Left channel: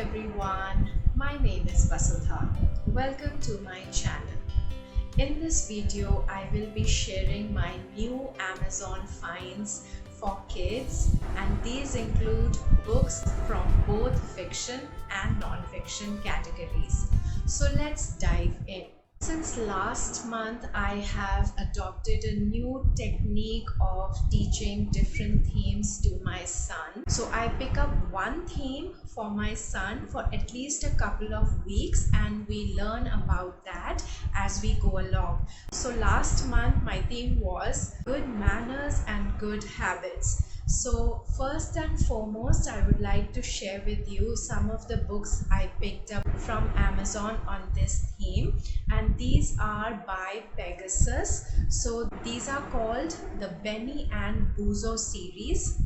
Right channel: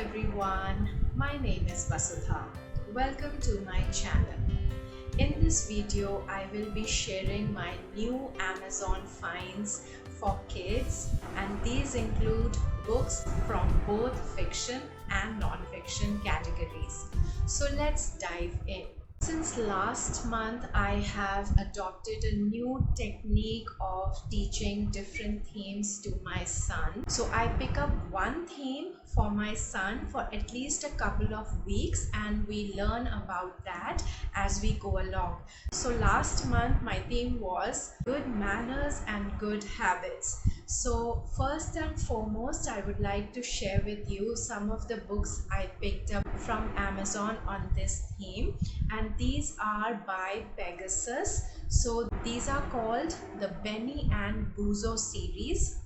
everyone, my name is Vasudha. Welcome to my channel. In this video, I will be sharing my new Amazon finds for kids, and these include books from both fiction and non-fiction categories. So let's dive in. Since last month, I have adopted a new technique of teaching different themes to my son. So I pick up one theme for my son for at least a couple of weeks, and we learn about that as we go along. So last month, my theme was good manners and good habits. So first and foremost, I would like to share with you some of the books I picked up from Amazon on this theme, and these are by Pegasus. So these are called the Benny and Buzo series.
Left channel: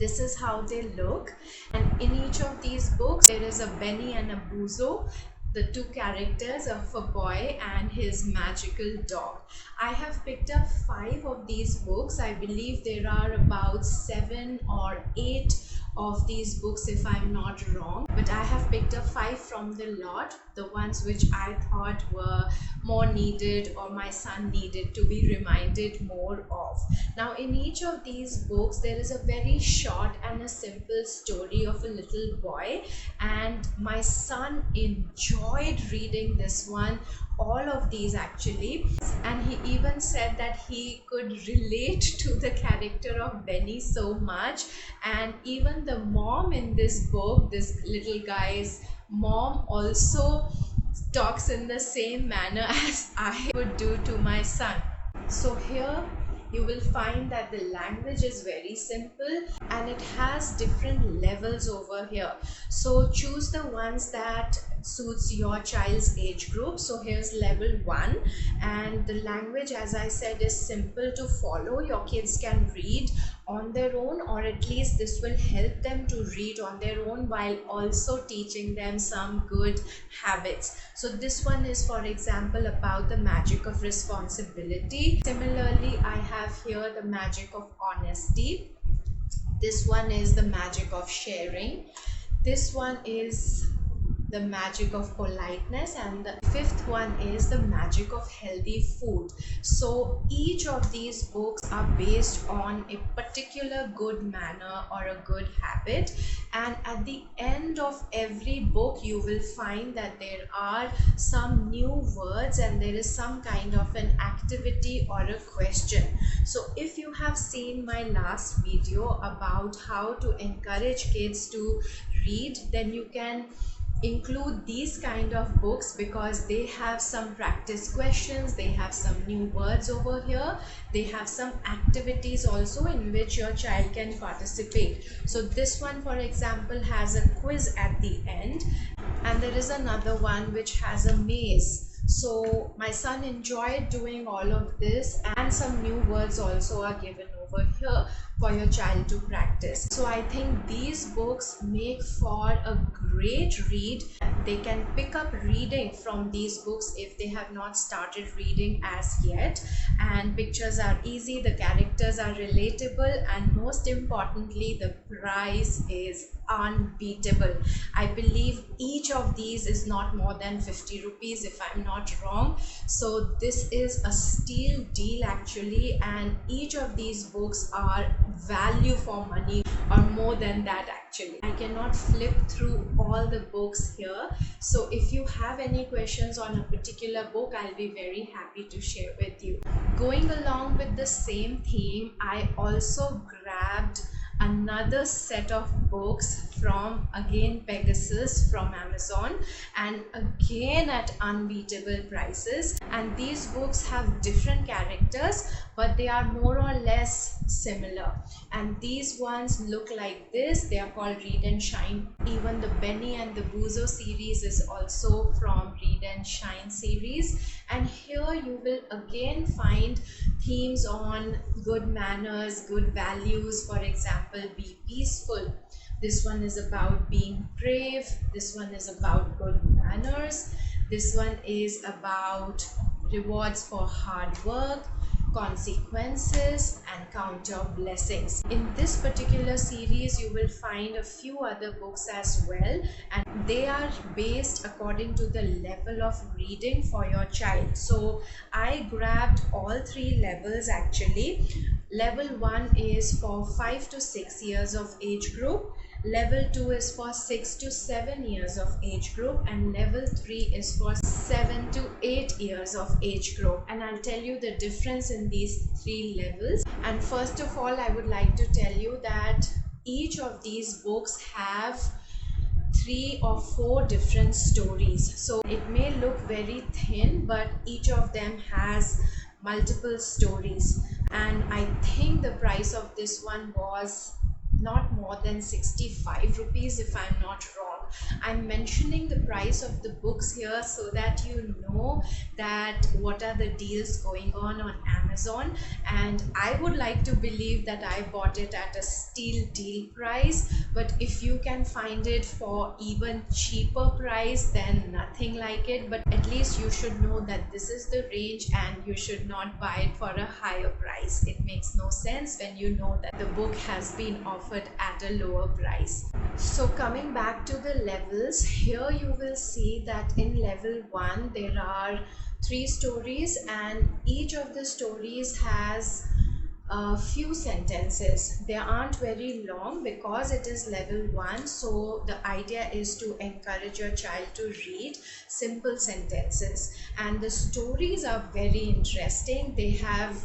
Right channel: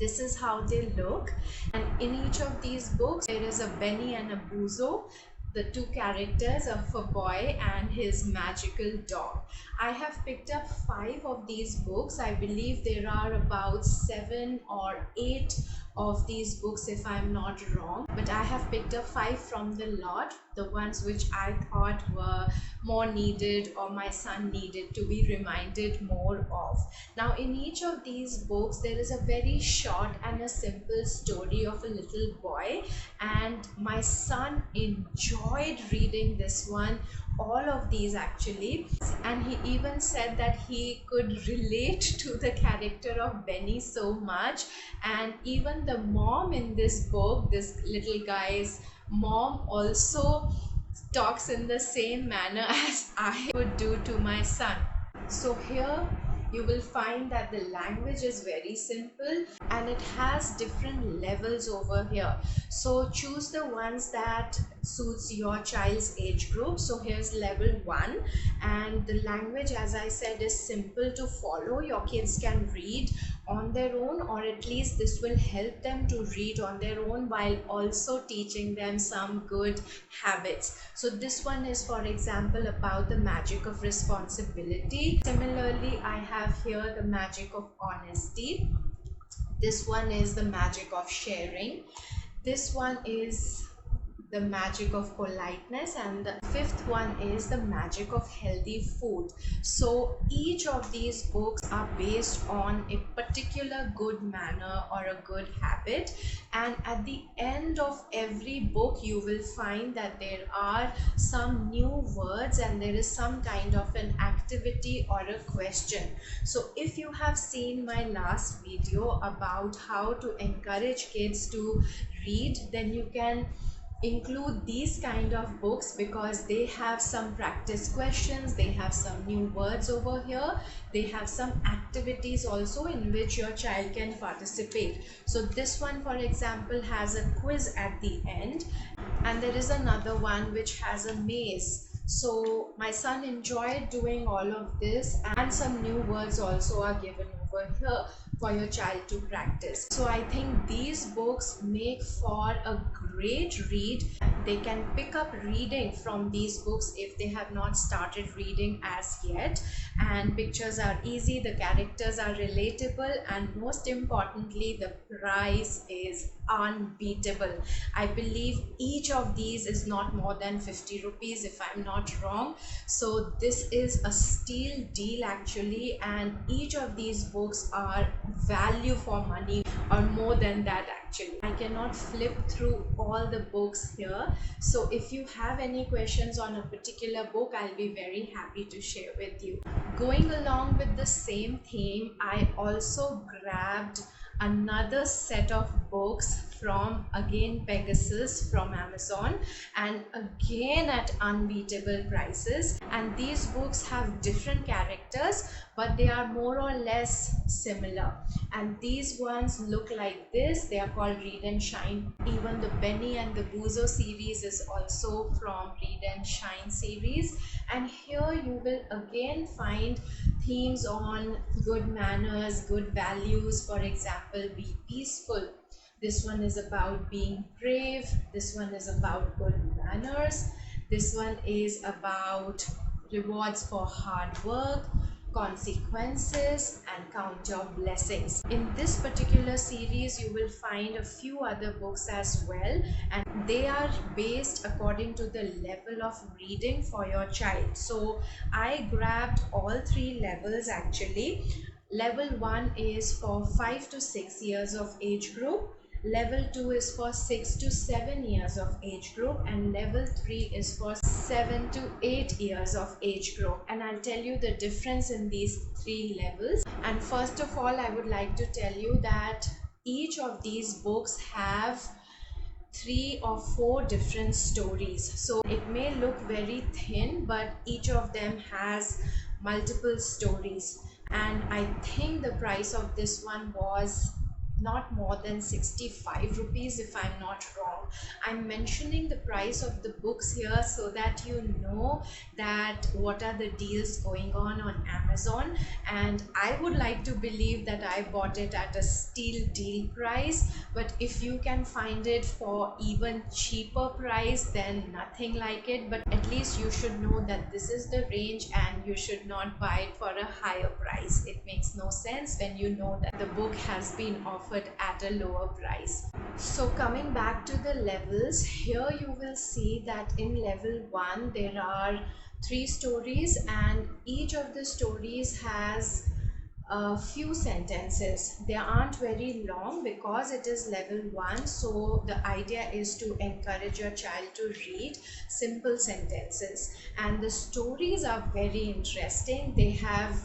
This is how they look, and in each of these books there is a Benny and a Buzo, the two characters of a boy and his magical dog. I have picked up 5 of these books. I believe there are about 7 or 8 of these books if I'm not wrong, but I have picked up 5 from the lot, the ones which I thought were more needed or my son needed to be reminded more of. Now in each of these books there is a very short and a simple story of a little boy, and my son enjoyed reading this one, all of these actually, and he even said that he could relate to the character of Benny so much. And even the mom in this book, this little guy's mom, also talks in the same manner as I would do to my son. So here you will find that the language is very simple and it has different levels over here. So choose the ones that suits your child's age group. So here's level 1, and the language, as I said, is simple to follow. Your kids can read on their own, or at least this will help them to read on their own while also teaching them some good habits. So this one is, for example, about the magic of responsibility. Similarly, I have here the magic of honesty. This one is the magic of sharing. This one is the magic of politeness, and the 5th one is the magic of healthy food. So each of these books are based on a particular good manner or a good habit, and at the end of every book you will find that there are some new words and there is some kind of an activity or a question. So if you have seen my last video about how to encourage kids to read, then you can include these kind of books because they have some practice questions, they have some new words over here, they have some activities also in which your child can participate. So this one, for example, has a quiz at the end, and there is another one which has a maze. So my son enjoyed doing all of this, and some new words also are given over here for your child to practice. So I think these books make for a great read. They can pick up reading from these books if they have not started reading as yet, and pictures are easy, the characters are relatable, and most importantly the price is unbeatable. I believe each of these is not more than 50 rupees if I'm not wrong. So this is a steal deal actually, and each of these books are value for money, or more than that actually. I cannot flip through all the books here, so if you have any questions on a particular book, I'll be very happy to share with you. Going along with the same theme, I also grabbed another set of books from, again, Pegasus from Amazon, and again at unbeatable prices. And these books have different characters, but they are more or less similar, and these ones look like this. They are called Read and Shine. Even the Benny and the Buzo series is also from Read and Shine series, and here you will again find themes on good manners, good values. For example, be peaceful. This one is about being brave. This one is about good manners. This one is about rewards for hard work. consequences, and count your blessings. In this particular series you will find a few other books as well, and they are based according to the level of reading for your child. So I grabbed all three levels actually. Level 1 is for 5 to 6 years of age group, level 2 is for 6 to 7 years of age group, and level 3 is for 7 to 8 years of age group. And I'll tell you the difference in these three levels. And first of all, I would like to tell you that each of these books have 3 or 4 different stories. So it may look very thin, but each of them has multiple stories. And I think the price of this one was not more than 65 rupees, if I'm not wrong. I'm mentioning the price of the books here so that you know that what are the deals going on Amazon. And I would like to believe that I bought it at a steal deal price, but if you can find it for even cheaper price, then nothing like it. But at least you should know that this is the range and you should not buy it for a higher price. It makes no sense when you know that the book has been offered at a lower price. So coming back to the levels, here you will see that in level 1 there are 3 stories, and each of the stories has a few sentences. They aren't very long because it is level 1, so the idea is to encourage your child to read simple sentences. And the stories are very interesting. They have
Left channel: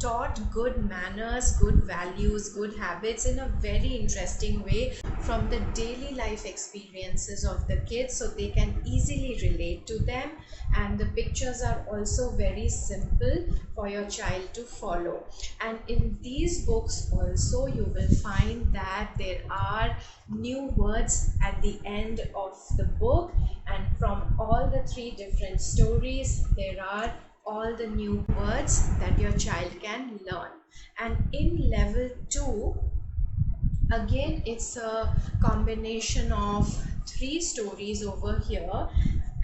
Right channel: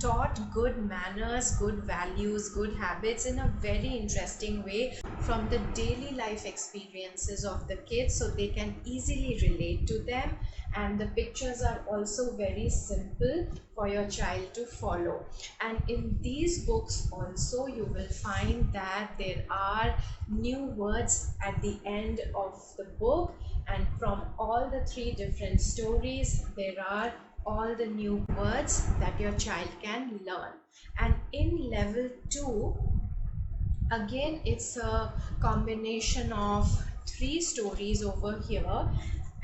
taught good manners, good values, good habits in a very interesting way from the daily life experiences of the kids, so they can easily relate to them. And the pictures are also very simple for your child to follow. And in these books also you will find that there are new words at the end of the book, and from all the 3 different stories there are all the new words that your child can learn. And in level 2, again it's a combination of 3 stories over here.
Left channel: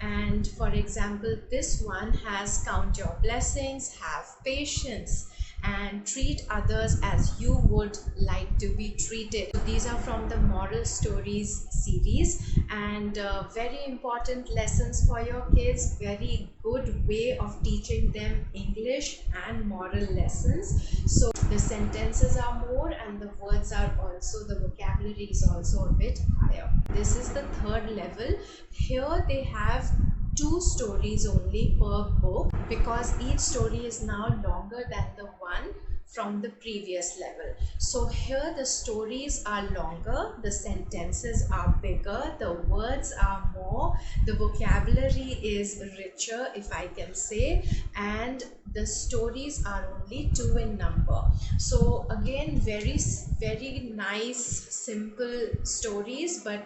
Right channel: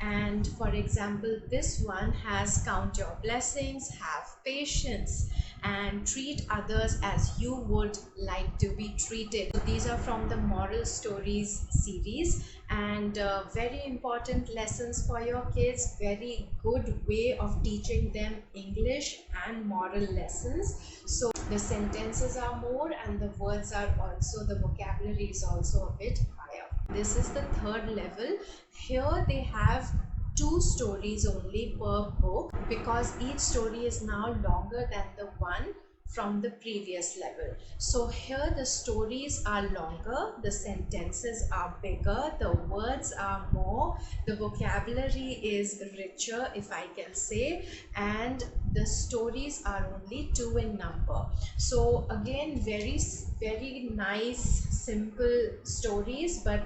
And for example, this one has count your blessings, have patience, and treat others as you would like to be treated. So these are from the moral stories series, and very important lessons for your kids. Very good way of teaching them English and moral lessons. So the sentences are more and the words are also, the vocabulary is also a bit higher. This is the 3rd level. Here they have 2 stories only per book, because each story is now longer than the one from the previous level. So here the stories are longer, the sentences are bigger, the words are more, the vocabulary is richer, if I can say, and the stories are only 2 in number. So again, very nice simple stories, but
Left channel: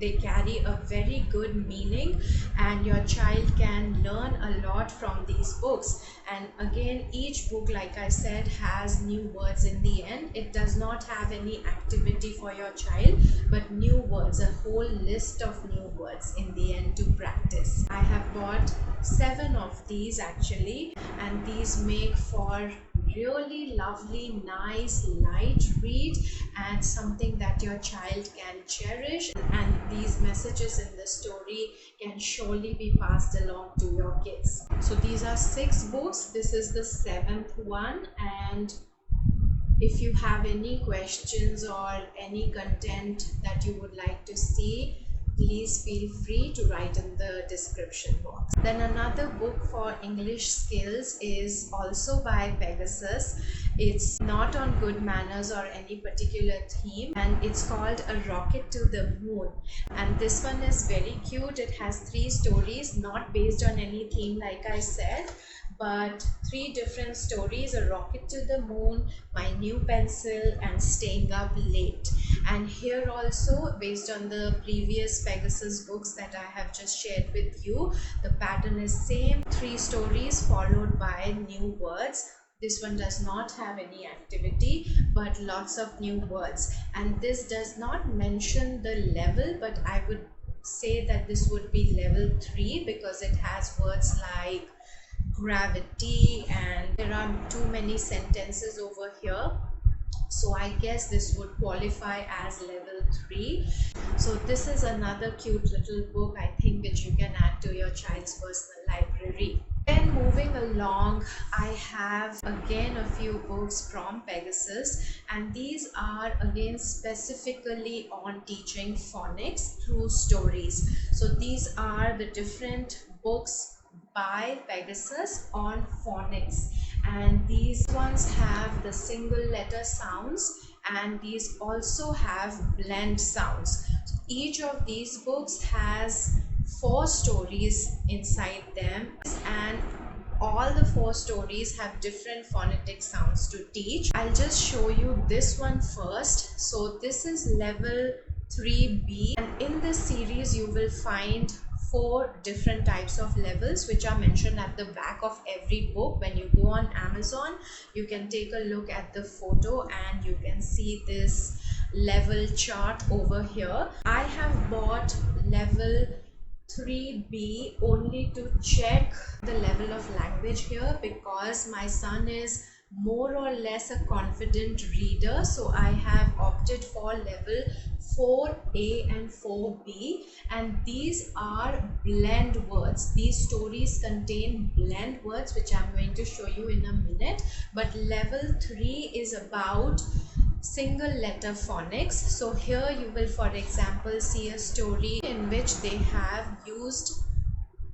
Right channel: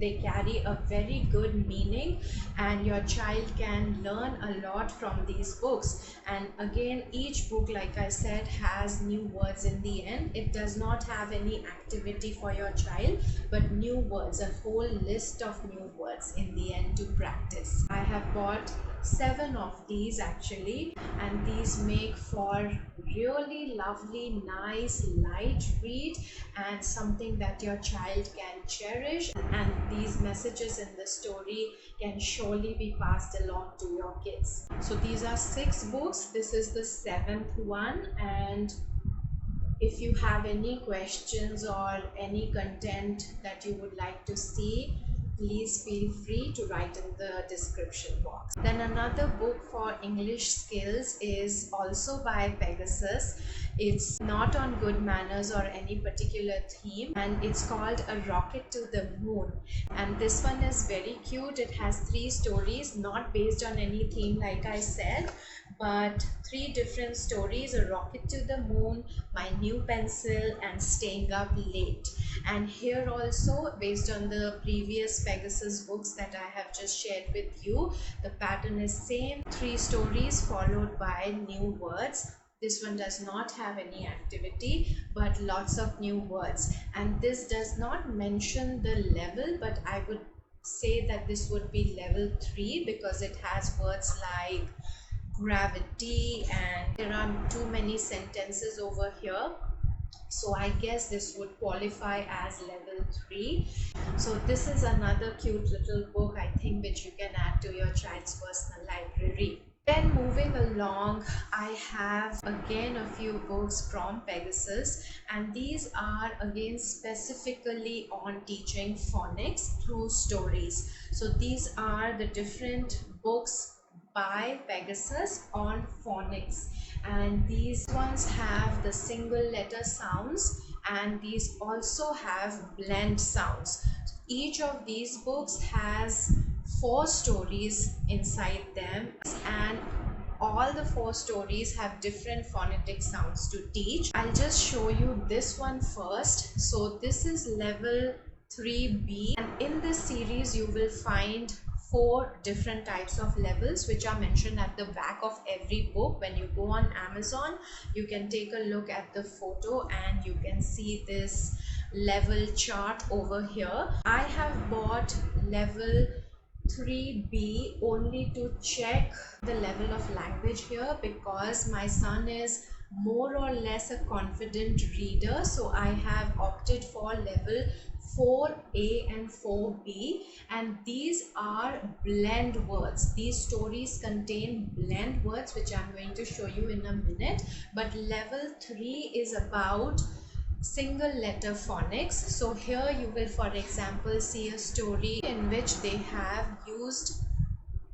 they carry a very good meaning, and your child can learn a lot from these books. And again, each book, like I said, has new words in the end. It does not have any activity for your child, but new words, a whole list of new words in the end to practice. I have bought 7 of these actually, and these make for really lovely, nice, light read and something that your child can cherish. And these messages in the story can surely be passed along to your kids. So these are 6 books. This is the 7th one, and if you have any questions or any content that you would like to see, please feel free to write in the description box. Then another book for English skills is also by Pegasus. It's not on good manners or any particular theme, and it's called A Rocket to the Moon. And this one is very cute. It has 3 stories, not based on any theme like I said, but 3 different stories: A Rocket to the Moon, My New Pencil, and Staying Up Late. And here also, based on the previous Pegasus books that I have just shared with you, the pattern is same: 3 stories followed by new words. This one does not have any activity, but lots of new words. And this does not mention the level, but I would say that this would be level 3, because it has words like gravity, and there are too many sentences over here. So I guess this would qualify as level 3. So this is another cute little book, I think, which you can add to your child's personal library. Then moving along, I have again a few books from Pegasus, and these are again specifically on teaching phonics through stories. So these are the different books by Pegasus on phonics, and these ones have the single letter sounds, and these also have blend sounds. Each of these books has 4 stories inside them, and all the 4 stories have different phonetic sounds to teach. I'll just show you this one first. So this is level 3B, and in this series you will find 4 different types of levels which are mentioned at the back of every book. When you go on Amazon, you can take a look at the photo and you can see this level chart over here. I have bought level 3B only to check the level of language here, because my son is more or less a confident reader, so I have opted for level 4A and 4B, and these are blend words. These stories contain blend words which I'm going to show you in a minute, but level 3 is about single letter phonics. So here you will, for example, see a story in which they have used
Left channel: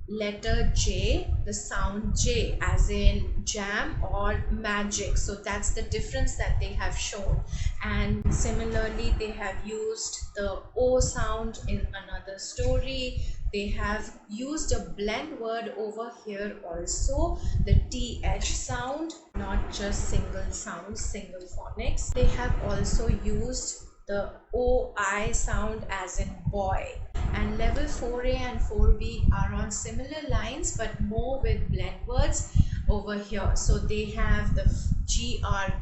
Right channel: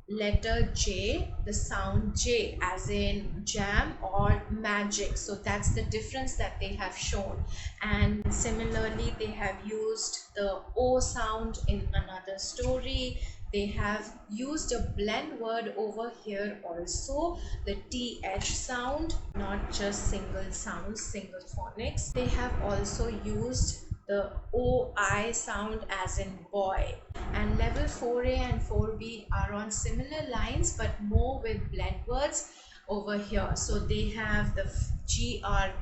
letter J, the sound J, as in jam or magic. So that's the difference that they have shown. And similarly, they have used the O sound in another story. They have used a blend word over here also, the TH sound, not just single sounds, single phonics. They have also used the OI sound as in boy. And level 4A and 4B are on similar lines but more with blend words over here. So they have the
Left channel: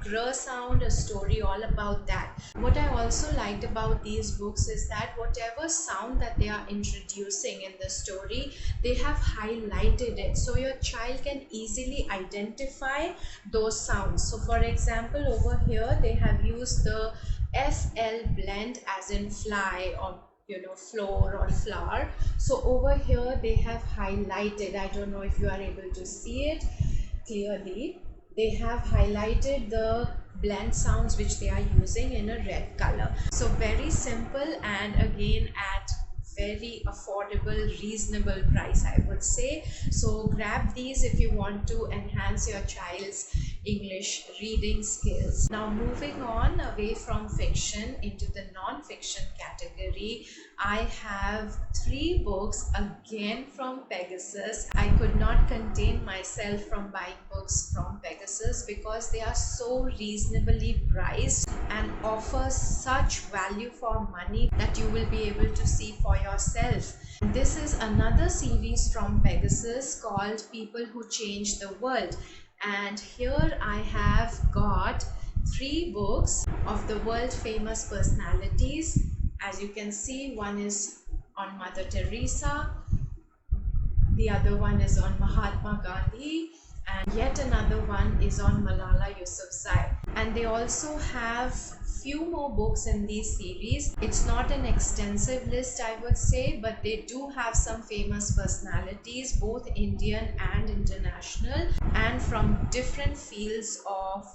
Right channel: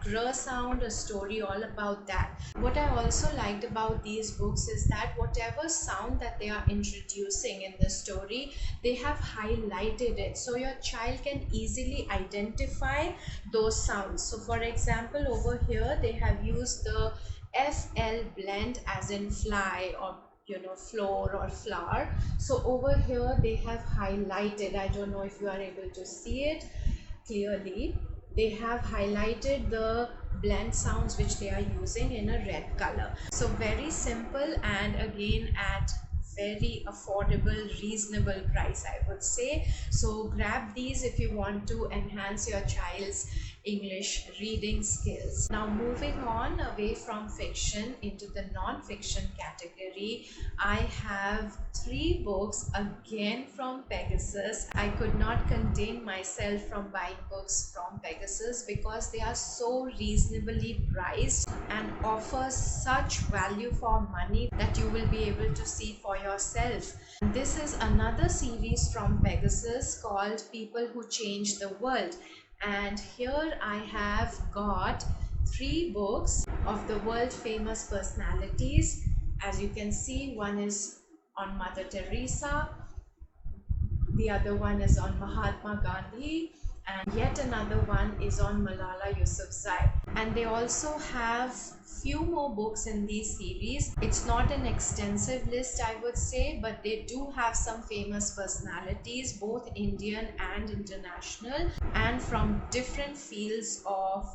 gr sound, a story all about that. What I also liked about these books is that whatever sound that they are introducing in the story, they have highlighted it so your child can easily identify those sounds. So for example, over here they have used the FL blend as in fly, or floor or flower. So over here they have highlighted, I don't know if you are able to see it clearly, they have highlighted the blend sounds which they are using in a red color. So very simple, and again at very affordable, reasonable price, I would say. So grab these if you want to enhance your child's English reading skills. Now moving on away from fiction into the non-fiction category, I have 3 books again from Pegasus. I could not contain myself from buying books from Pegasus because they are so reasonably priced and offer such value for money that you will be able to see for yourself. This is another series from Pegasus called People Who Change the World. And here I have got 3 books of the world famous personalities. As you can see, one is on Mother Teresa, the other one is on Mahatma Gandhi, and yet another one is on Malala Yousafzai. And they also have few more books in these series. It's not an extensive list, I would say, but they do have some famous personalities, both Indian and international, and from different fields of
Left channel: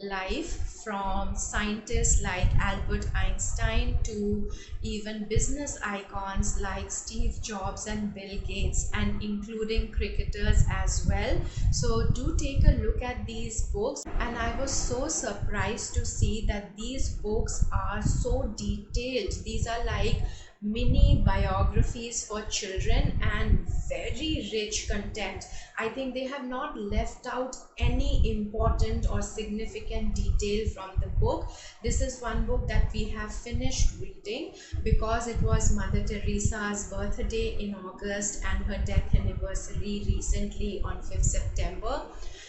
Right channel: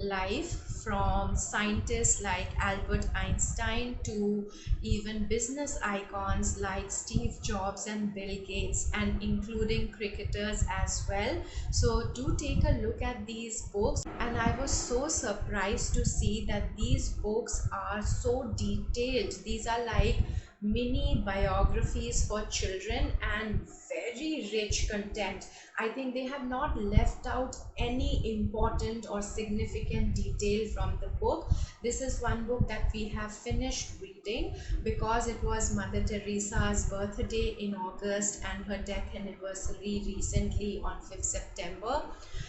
life, from scientists like Albert Einstein to even business icons like Steve Jobs and Bill Gates, and including cricketers as well. So do take a look at these books, and I was so surprised to see that these books are so detailed. These are like mini biographies for children and very rich content. I think they have not left out any important or significant detail from the book. This is one book that we have finished reading because it was Mother Teresa's birthday in August and her death anniversary recently on 5th September.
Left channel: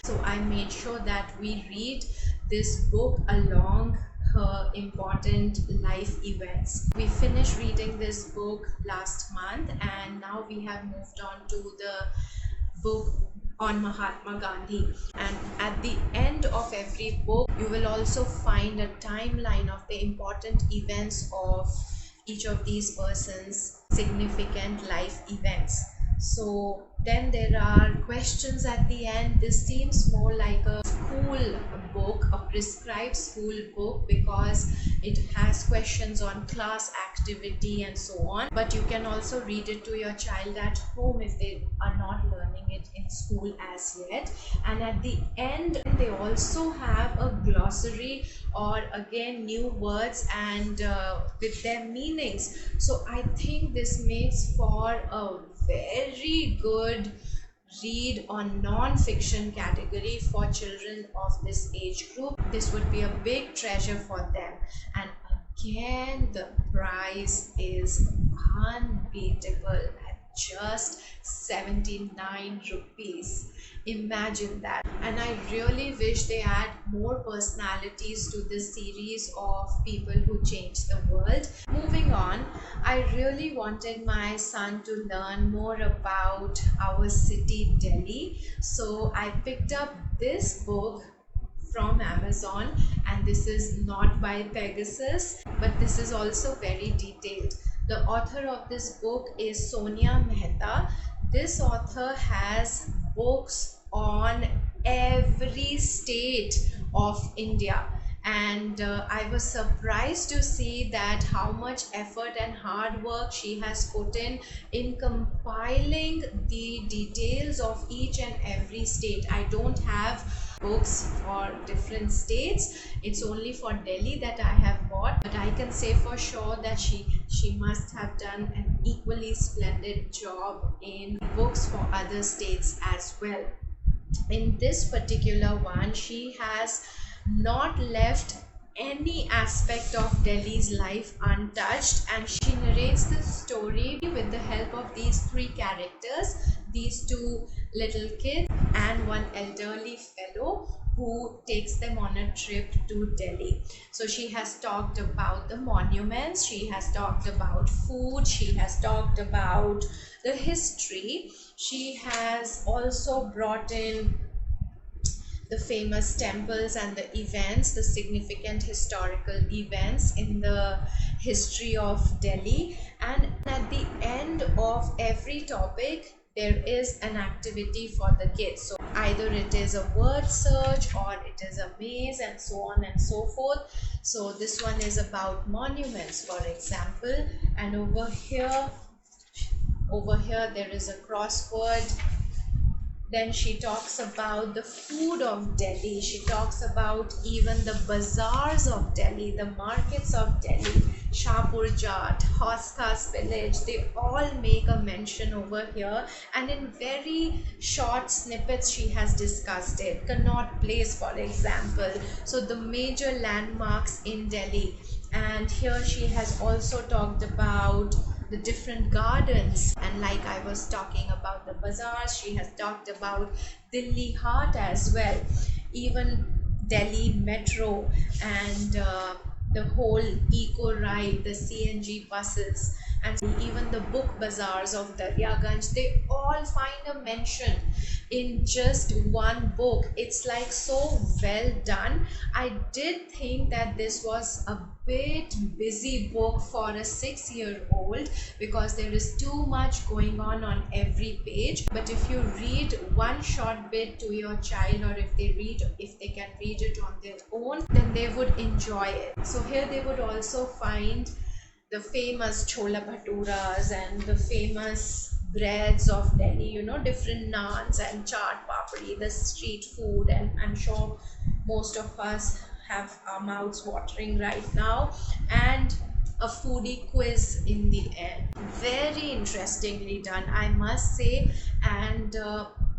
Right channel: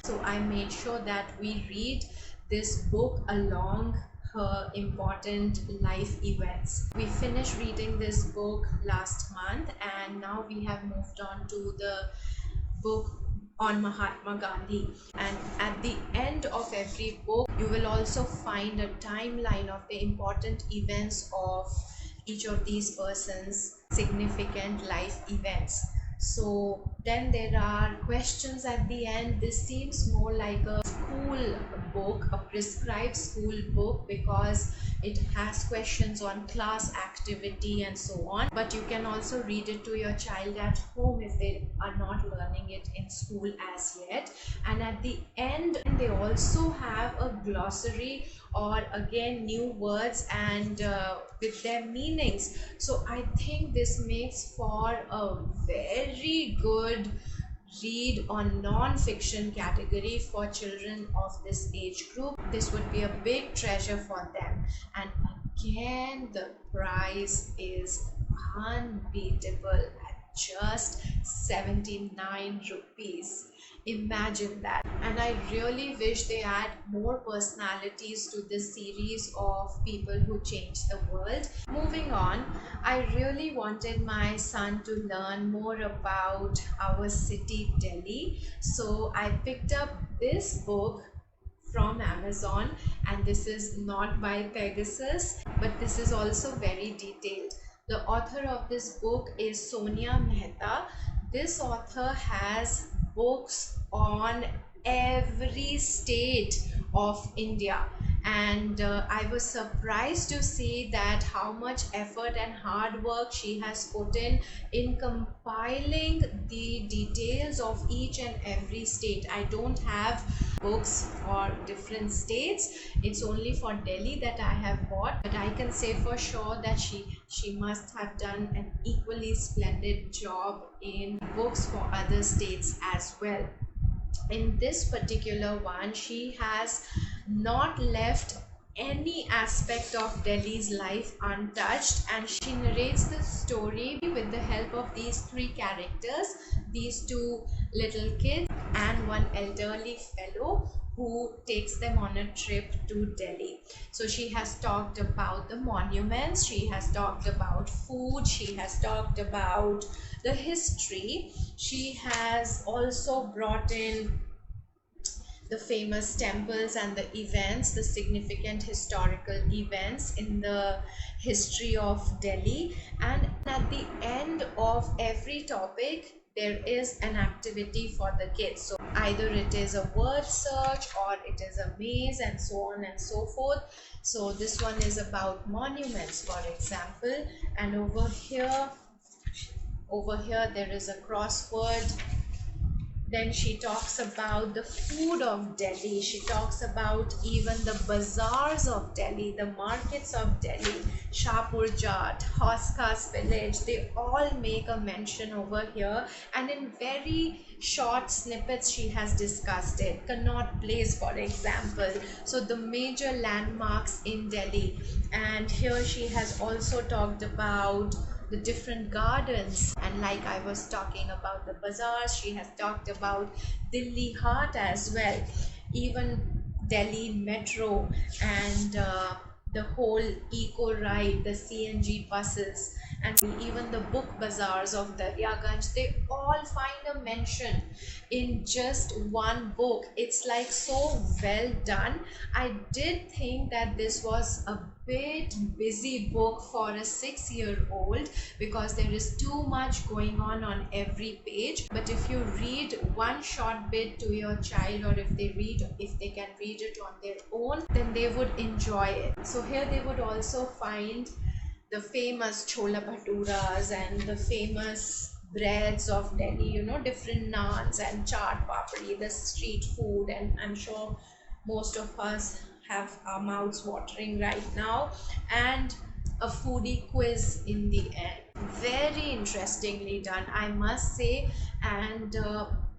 So I made sure that we read this book along her important life events. We finished reading this book last month, and now we have moved on to the book on Mahatma Gandhi. And at the end of every book, you will also find a timeline of the important events of each of these persons' significant life events. So then there are questions at the end. This seems more like a school book, a prescribed school book, because it has questions on class activity and so on. But you can also read it to your child at home if they are not learning it in school as yet. And at the end, they also have a glossary, or again new words and with their meanings. So I think this makes for a very good read on non-fiction category for children of this age group. This would be a big treasure for them. And again, the price is unbeatable at just 79 rupees. Imagine that. And I really wish they add more personalities to this series of people who changed the world. Moving on, I really wanted my son to learn more about our city, Delhi. So I picked up this book from Amazon, and this is not by Pegasus, but this is also very detailed. The author of this book is Sonia Mehta. This author has books on every state of India, and I was surprised to see that how much effort and hard work she has put in compiling the details of each and every state. I don't have books for different states, it's only for Delhi that I have bought, but I can say for sure that she must have done an equally splendid job in books for other states as well. In this particular one, she has not left any aspect of Delhi's life untouched, and she narrates the story with the help of these three characters, these two little kids and one elderly fellow who takes them on a trip to Delhi. So she has talked about the monuments, she has talked about food, she has talked about the history, she has also brought in the famous temples and the events, the significant historical events in the history of Delhi. And at the end of every topic, there is an activity for the kids. So either it is a word search or it is a maze and so on and so forth. So this one is about monuments, for example, and over here there is a crossword. Then she talks about the food of Delhi. She talks about even the bazaars of Delhi, the markets of Delhi, Shahpur Jat, Hoskas village. They all make a mention over here. And in very short snippets, she has discussed it. Connaught Place, for example. So the major landmarks in Delhi. And here she has also talked about the different gardens, and like I was talking about the bazaars, she has talked about Delhi Heart as well, even Delhi Metro, and the whole eco ride, the CNG buses, and even the book bazaars of Daryaganj. They all find a mention in just one book. It's like so well done. I did think that this was a bit busy book for a 6-year-old because there is too much going on every page. But if you read one short bit to your child, or if they can read it on their own, then they would enjoy it. So here they would also find the famous chola bhaturas and the famous breads of Delhi, different naans and chaat papdi, the street food, and I'm sure most of us have our mouths watering right now, and a foodie quiz in the end. Very interestingly done, I must say, and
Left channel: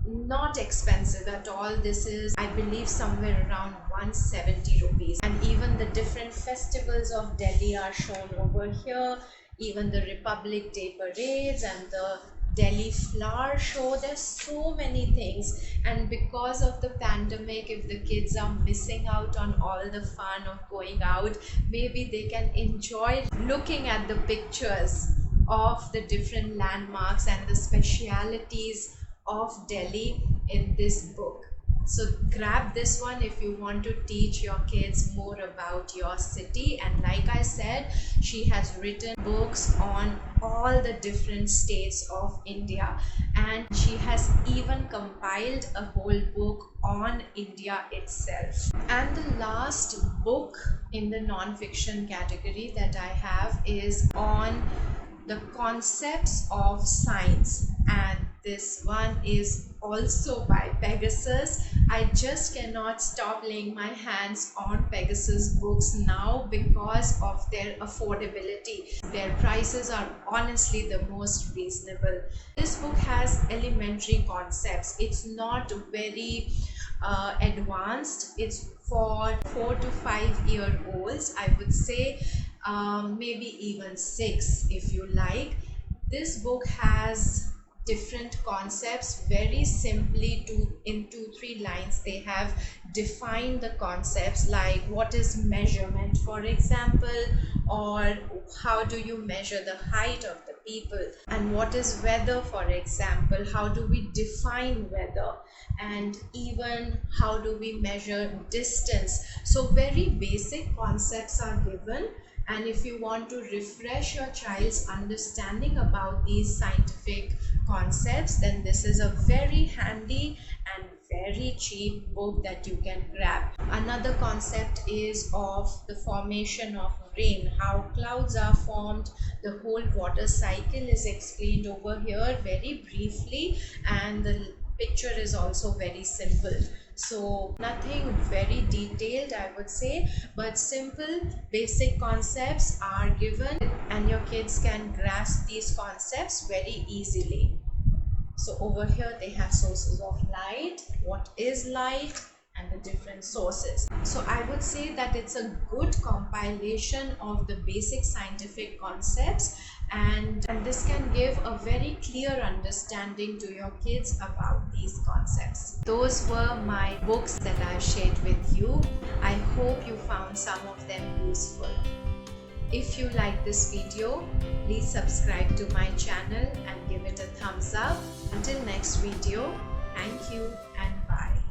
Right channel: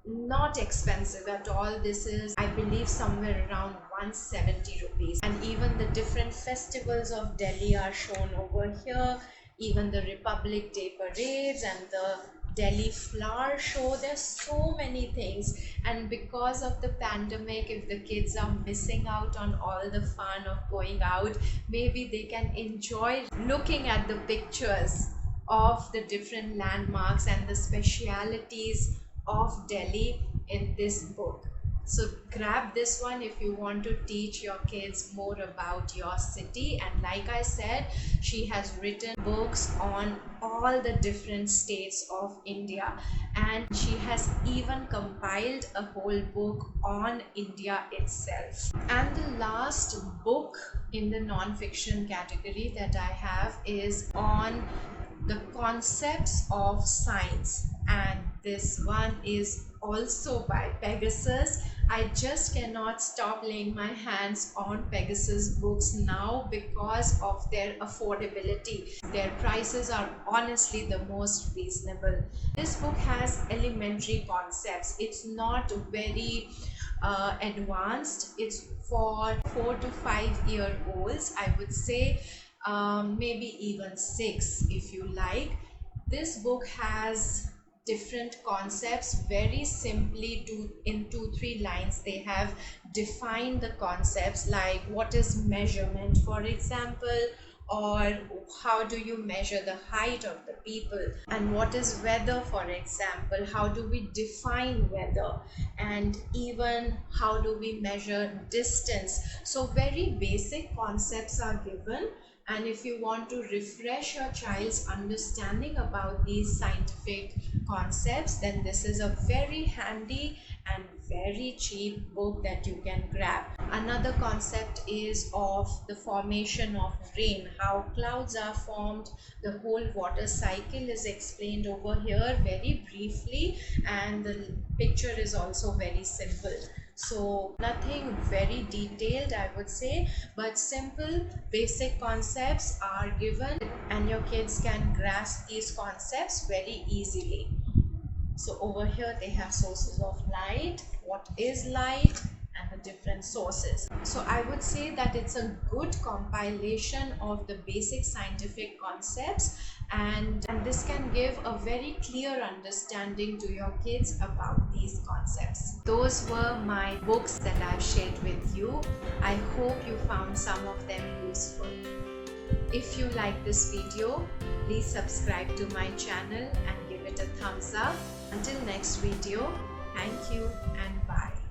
not expensive at all. This is, I believe, somewhere around 170 rupees, and even the different festivals of Delhi are shown over here, even the Republic Day parades and the Delhi flower show. There's so many things, and because of the pandemic, if the kids are missing out on all the fun of going out, maybe they can enjoy looking at the pictures of the different landmarks and the specialities of Delhi in this book. So grab this one if you want to teach your kids more about your city. And like I said, she has written books on all the different states of India, and she has even compiled a whole book on India itself. And the last book in the non-fiction category that I have is on the concepts of science, and this one is also by Pegasus. I just cannot stop laying my hands on Pegasus books now because of their affordability. Their prices are honestly the most reasonable. This book has elementary concepts. It's not very advanced. It's for 4 to 5 year olds, I would say, maybe even 6 if you like. This book has different concepts very simply. In 2-3 lines they have defined the concepts, like what is measurement, for example, or how do you measure the height of the people, and what is weather, for example, how do we define weather, and even how do we measure distance. So very basic concepts are given, and if you want to refresh your child's understanding about these scientific concepts, then this is a very handy and very cheap book that you can grab. Another concept is of the formation of rain, how clouds are formed. The whole water cycle is explained over here very briefly, and the picture is also very simple. So nothing very detailed, I would say, but simple basic concepts are given, and your kids can grasp these concepts very easily. So over here they have sources of light, what is light, and the different sources. So I would say that it's a good compilation of the basic scientific concepts, and this can give a very clear understanding to your kids about these concepts. Those were my books that I've shared with you. I hope you found some of them useful. If you like this video, please subscribe to my channel and give it a thumbs up. Until next video, thank you and bye.